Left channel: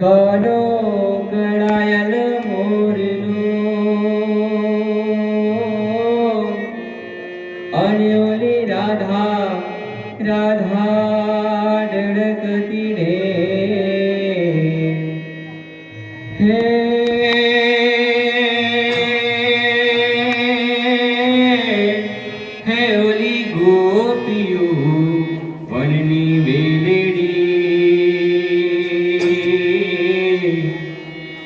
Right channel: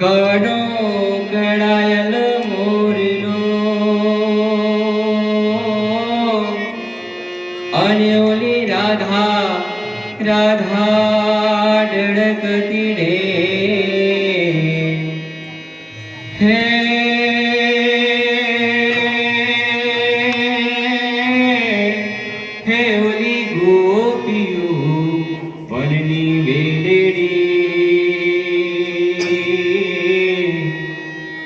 कडो गडायल मोरलो आणि ओली राधा राधा डळकती रे हे हे ओली गोपियो वननी वेलेडी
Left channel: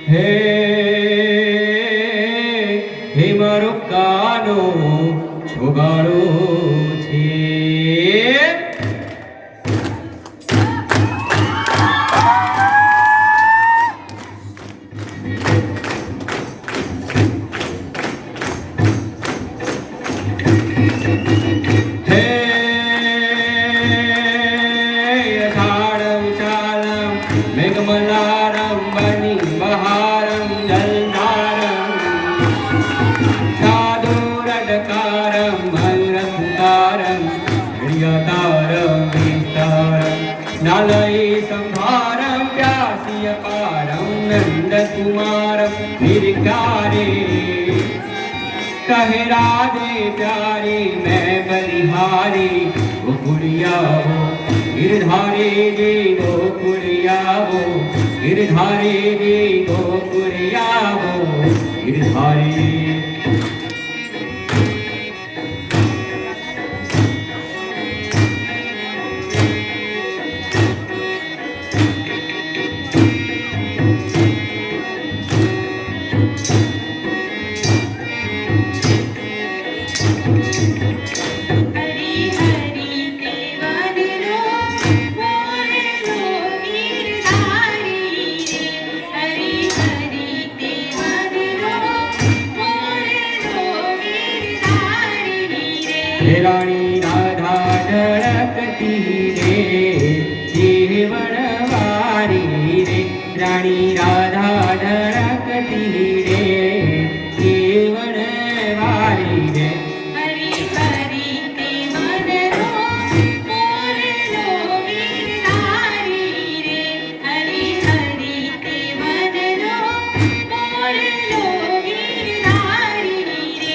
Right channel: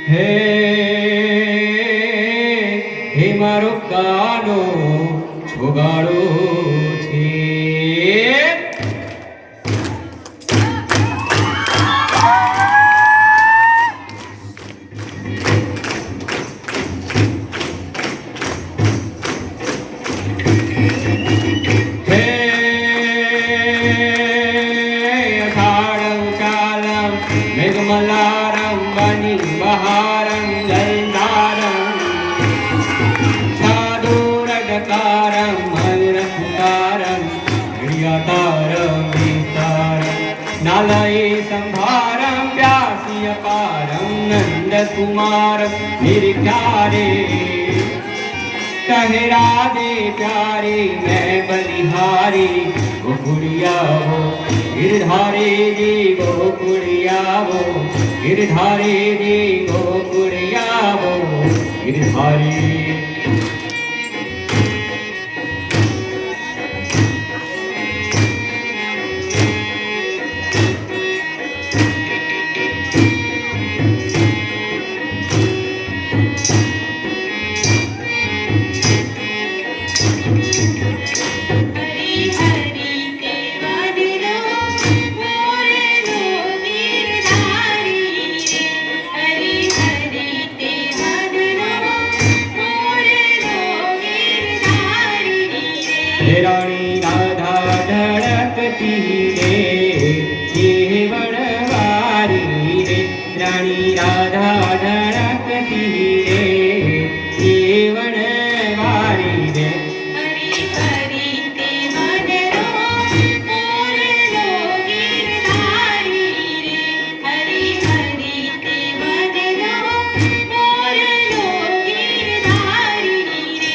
हे मारो कानो छोगाड़ो छे अषाढ़ं चालं मेघमल्लारं वनिं बहारं जलधारं साधुरडकारं मयूरसुतारं प्रियतारं विस्तारं नालये संहारं व्यासीयपारं नन्दकुमारं निरीक्षारे कहे राधे प्यारे मैं बलिहारी गोकुलिया वो गिरधारी दी गोकुलिया वो गिरधारी दी गोकुलिया वो गिरधारी रानी राधा ढळकती रे केवळवारी रे रानी राधा ढळकती रे केवळवारी रे हरी हरी ते मनरो मोरलो गिरधारी रे हरी हरी ते मनरो मोरलो गिरधारी रे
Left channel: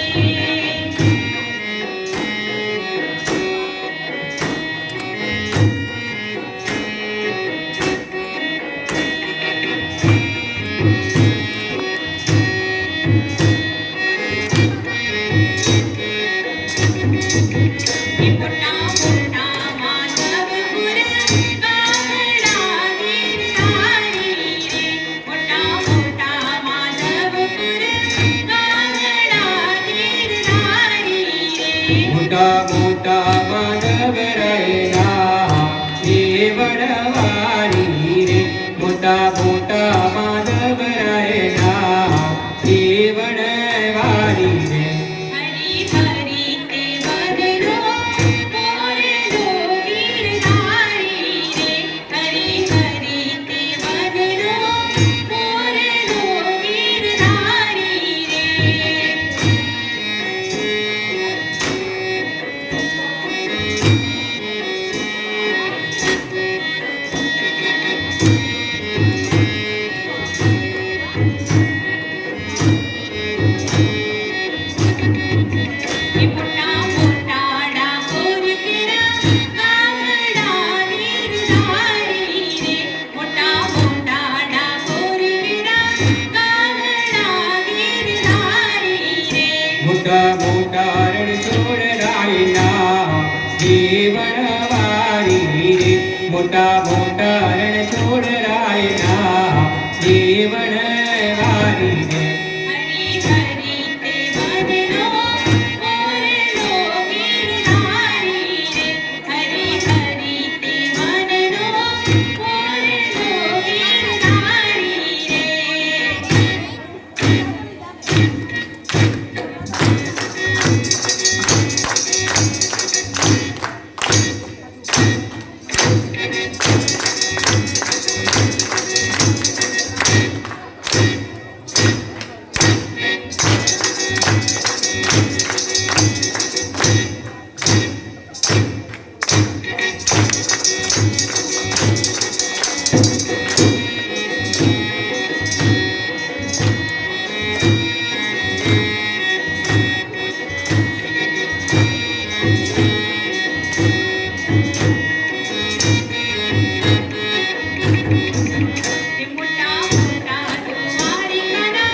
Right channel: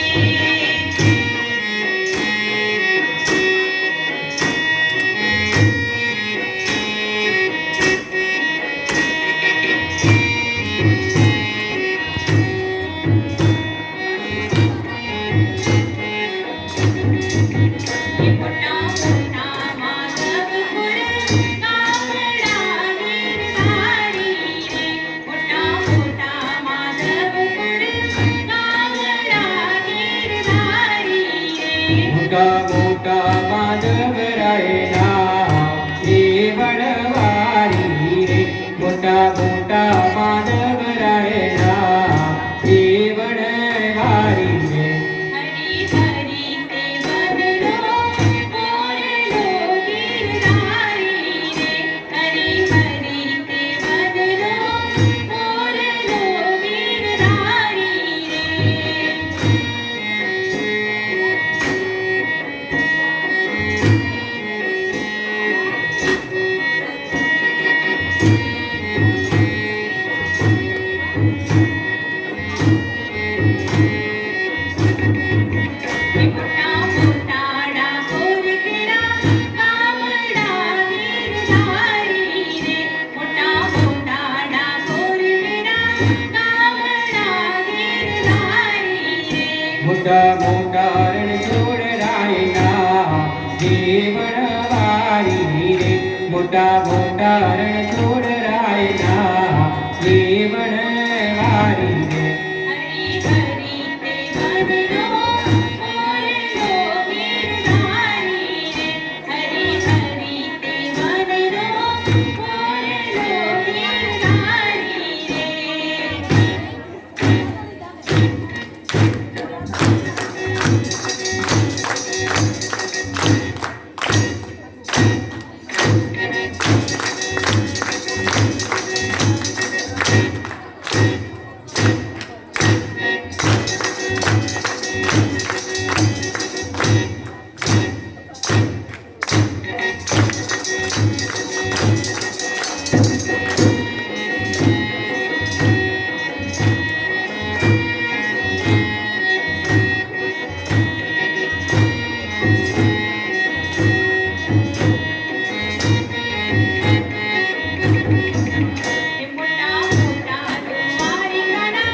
मोटा मोटा माधवपुर कांगड़ा गिरधारी रे मोटा मोटा माधवपुर कांगड़ा गिरधारी रे मोटा मोटा माधव रायना केवळवारी रे मोटा मोटा माधव रायना केवळवारी रे हरी हरी ते मनरो मोरलो गिरधारी रे हरी हरी ते मनरो मोरलो गिरधारी रे मोटा मोटा डाकोर केरा कांगड़ा गिरधारी रे मोटा मोटा डाकोर केरा कांगड़ा गिरधारी रे मोटा मोटा रणछोड़ रायना केवळवारी रे मोटा मोटा रणछोड़ रायना केवळवारी रे हरी हरी ते मनरो मोरलो गिरधारी रे हरी हरी ते मनरो मोरलो गिरधारी रे मोठा मोठा दुवारी काना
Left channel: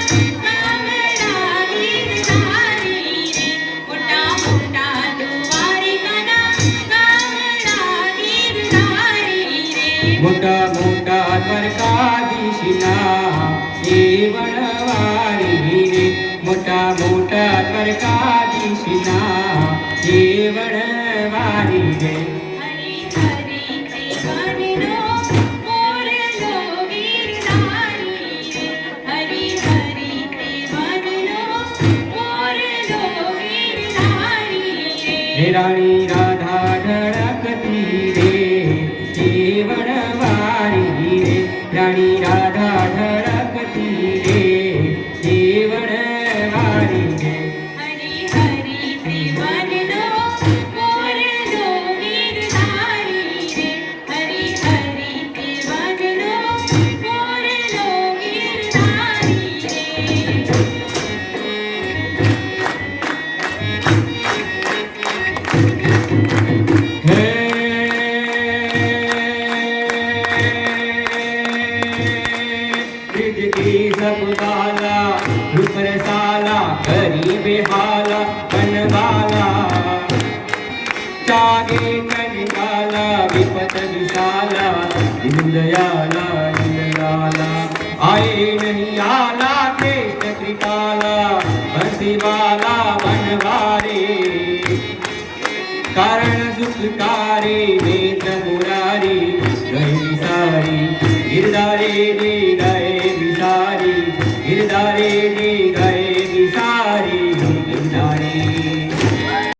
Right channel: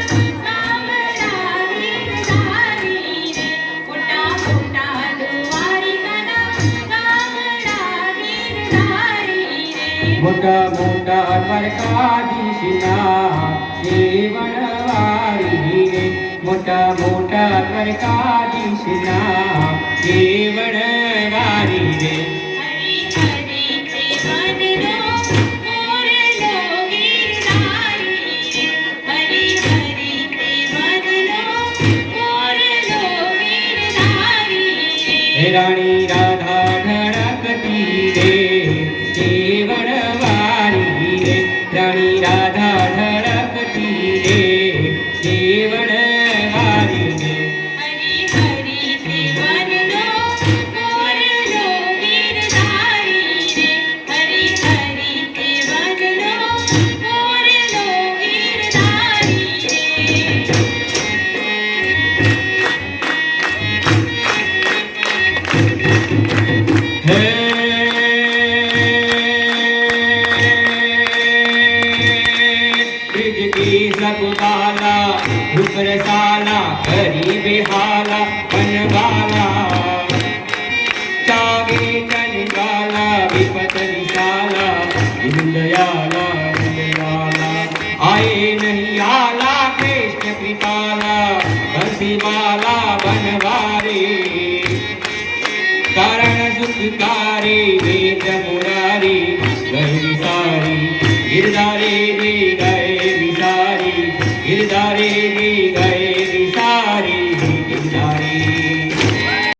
कामळा गिरधारी रे मोठा मोठा दुवारी काना कामळा गिरधारी रे मोठा मोठा द्वारकाधीशना हे वनवारी रे मोठा मोठा द्वारकाधीशना हे वनवारी रे हरी हरी ते वदनो मोरलो गिरधारी रे हरी हरी ते वदनो मोरलो गिरधारी रे हे राणी राधा ढळकती रे हे वनवारी रे राणी राधा ढळकती रे हे वनवारी रे हरी हरी ते वदनो मोरलो गिरधारी रे हरी हरी ते वदनो मोरलो गिरधारी रे हे ब्रिज की सब बाला रूप रसाला करी बेहाला बनवाला चागे कनकाला विपत विशाला इंदयाला इंदयाला आए नहीं आला कृष्ण कृपाला बंसीवाला बनवारे कारण सुखकारी वेद मुरारी गए विसारी गिरधारे गे गए विसारी गिरधारे गे गए